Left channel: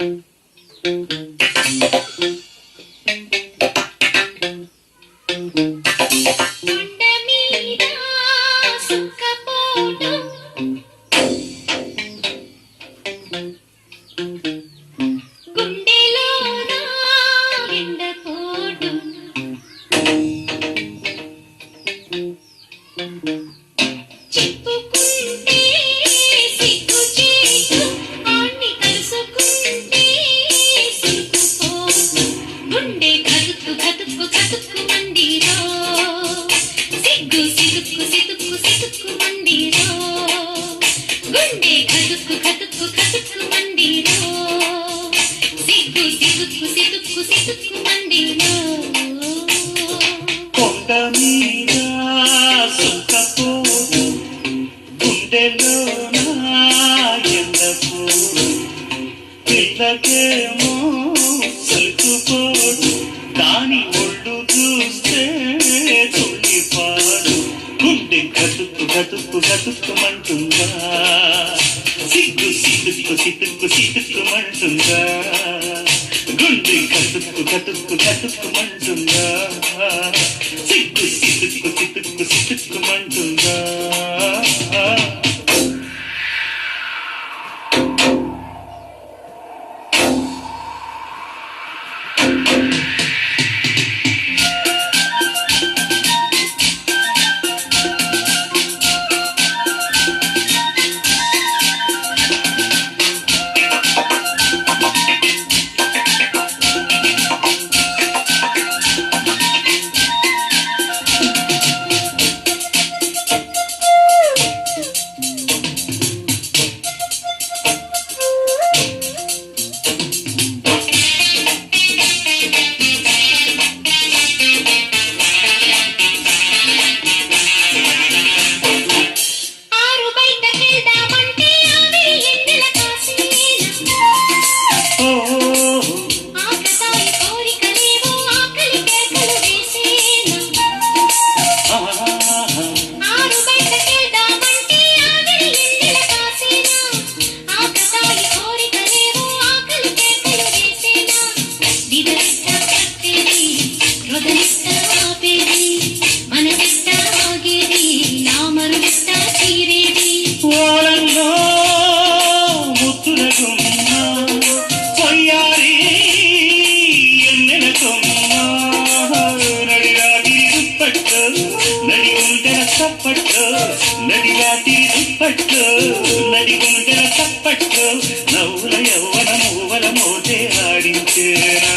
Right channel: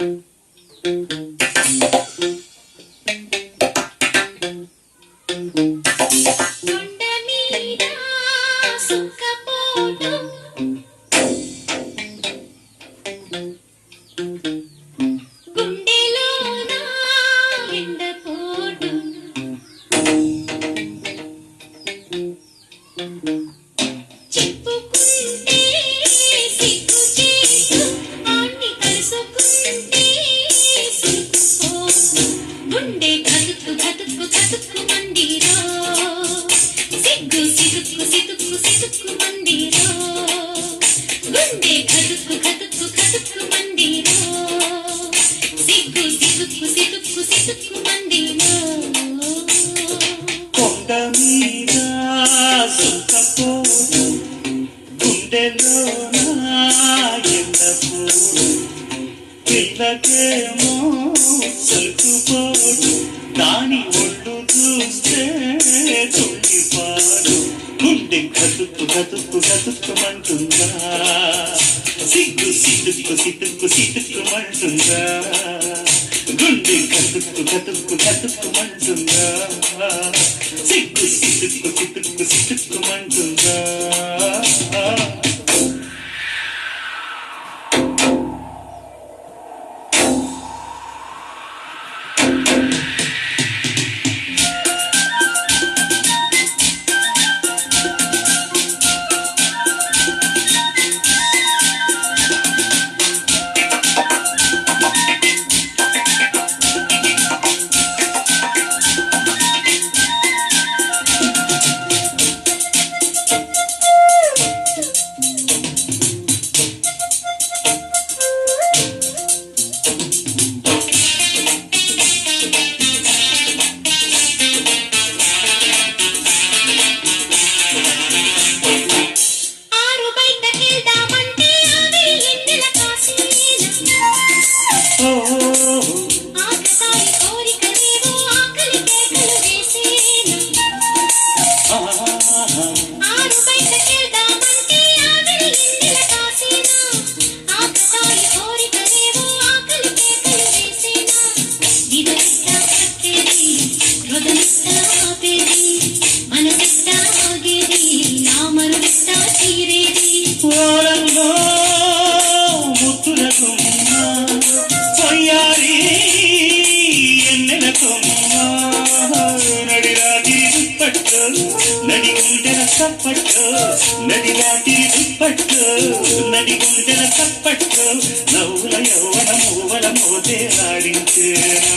కొండ మీద సుఖపోటు గుండెలోన ఎండపోటు పిల్లకేమో సలుకుపోటు దాని ఒళ్ళు చూస్తే తుళ్ళిపాడు గుండె గతుక్కు గతుక్కు గతుక్కుమంటుందా సిగ్గు సిటుక్కు సిటుక్కు సిటుక్కుమంటుందా గుండె గతుక్కు గతుక్కు గతుక్కుమంటుందా సిగ్గు సిటుక్కు సిటుక్కు సిటుక్కుమంటుందా నడి గుండెల తప్పట్లు నడివాటి దుప్పట్లు నడి గుండెల తప్పట్లు నవ్వుల యవ్వన మూవల మోతే ఆడించేనా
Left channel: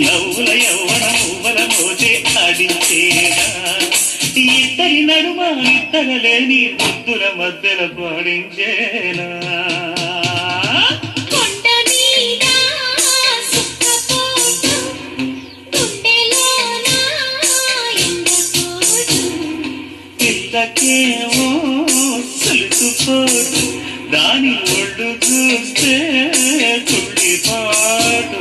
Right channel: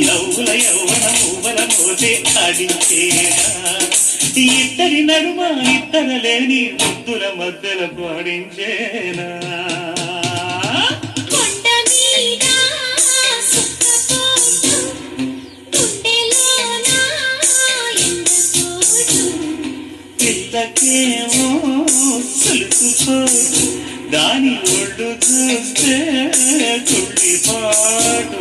నవ్వుల యవ్వన మూవల మోతే ఆడించేనా ఇద్దరి నడుమ ఇద్దరలేని ముద్దుల మధ్యల పాడించేనా పిల్లకేమో సులుకుపోటు దాని ఒళ్ళు చూస్తే తుళ్ళిపాటు